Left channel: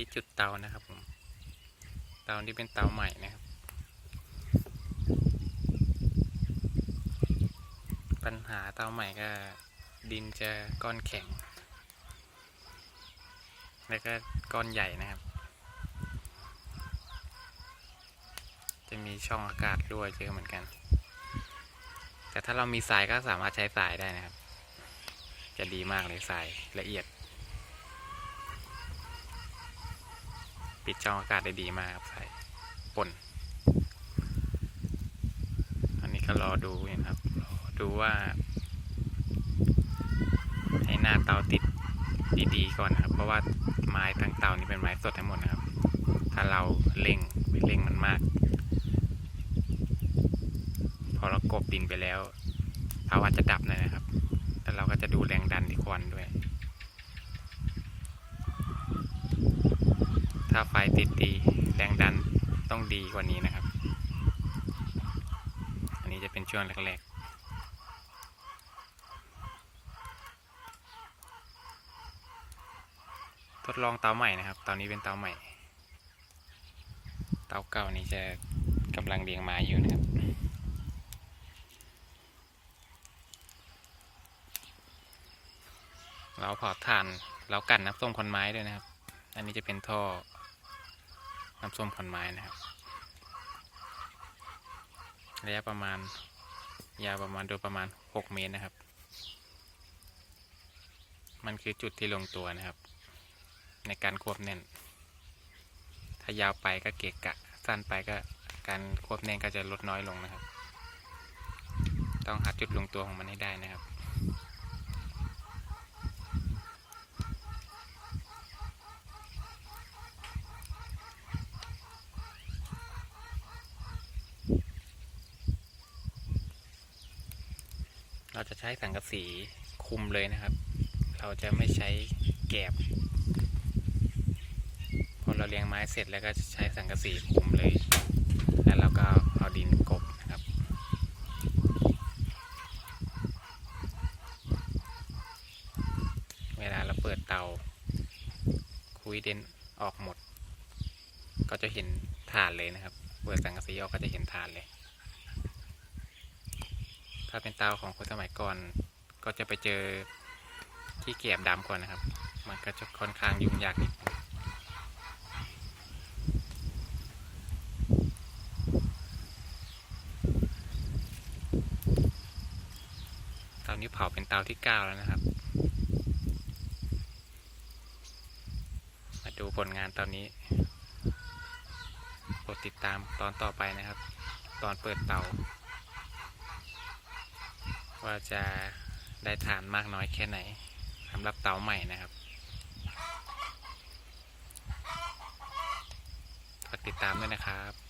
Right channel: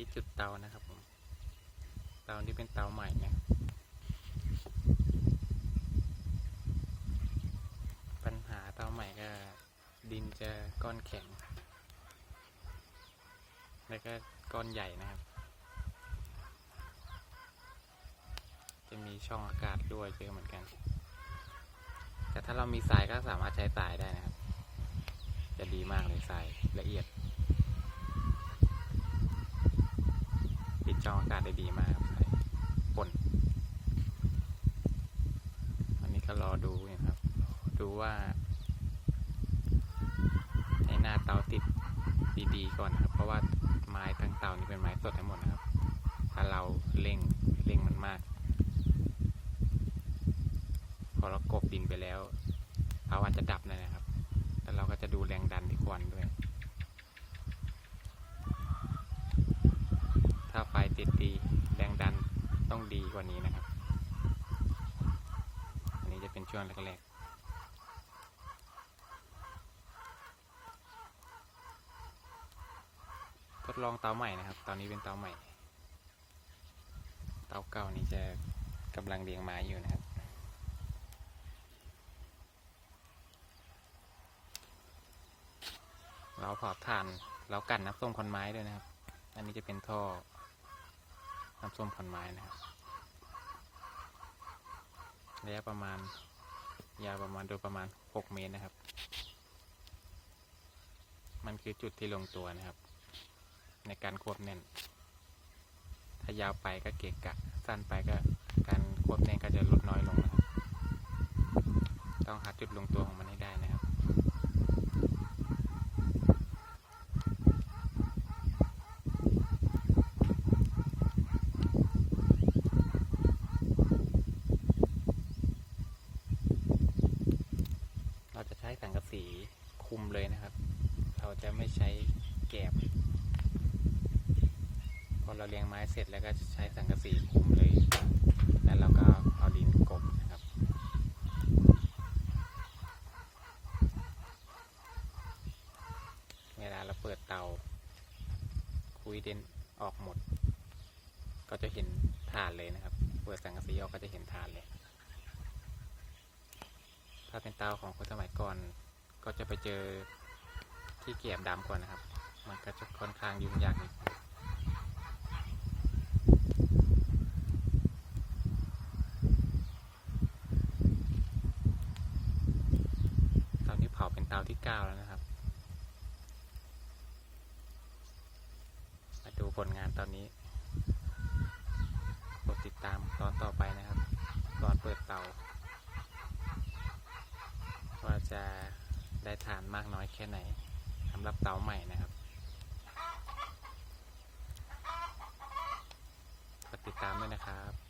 นี้จุดเตานะครับผม เตานี้เป็นเตาใหม่นะครับ ปัญหาเตาใหม่ก็ดินจะก้อนแข็ง แล้วก็ก้อนใหญ่นะครับ จะมีช่องอากาศรั่วเยอเหมือนกัน แต่ถ้าเรามีสายก็สามารถใช้สายได้นะครับ จะดีมากเลยสายละเอียด ปิดช่องอากาศได้ดีมากครับใสายป่นอันนี้ก็รอดูนะครับรอดูว่าให้หน้าเตาติดดีๆก่อนนะครับ เพราะว่าไม้ทั้งเตานี่เป็นไม้สดทั้งหมดนะครับ ถ้าเราเร่งไปเร่งมันมาก พอเรากบดินไปแล้วเตาอาจจะดับเลยนะครับแล้วเราก็จะดูแรงดันที่ควันด้วย ถ้าไฟติดดีแรงดันต้องดีกว่านี้นะครับ อันนี้จะเป็นช่วงแรกๆ ทดลองเตาใหม่นะครับ ตอนนี้เป็นเตาใหม่ เตาเก่านี้จะกำลังเรียงไม้อยู่นะครับเราเผาถ่านเรากันน้ำส้มขอนไม้ด้วยนะครับ อันนี้จะเป็นท่อ น้ำส้มขอนไม้นะครับระยะประมาณยาวประมาณโดยประมาณ 6 เมตรนะครับ มันคือจุดที่ลงตัวนะครับ ในการควบแน่น ถ้ายาวไปก็เกะกะ สั้นไปก็การควบแน่นก็จะลดน้อยลงนะครับ ต้องหาจุดลงตัวของมันให้ได้นะครับ เราจะใช้สังกะสีคุมเลยนะครับ เราจะไม่ใช้แกบพอเราเลี้ยงไม้เสร็จแล้วก็ใช้สังกะสีคุมเลย แล้วเราก็เอาดินกบนะครับเวลาเราเปิดเตา คุยเด่นออกหมด ก็จะเห็นฐานเลยนะครับ เปิดสังกะสีออกก็จะเห็นฐานเลย ถ้าเป็นเตาของคนสมัยก่อน ก็จะไปเจอที่เกียบดำก่อนนะครับ มันก็จะค่อนข้างยุ่งยากนิดนึงเตานี้เผาเป็นเตาที่เก้าแล้วนะครับ มาดูผลงานตอนนี้กดติดตามตอนต่อไปนะครับ ตอนเปิดเตา จะได้ทานมากน้อยแค่ไหนสำหรับเตาใหม่นะครับฝากติดตามด้วยนะครับ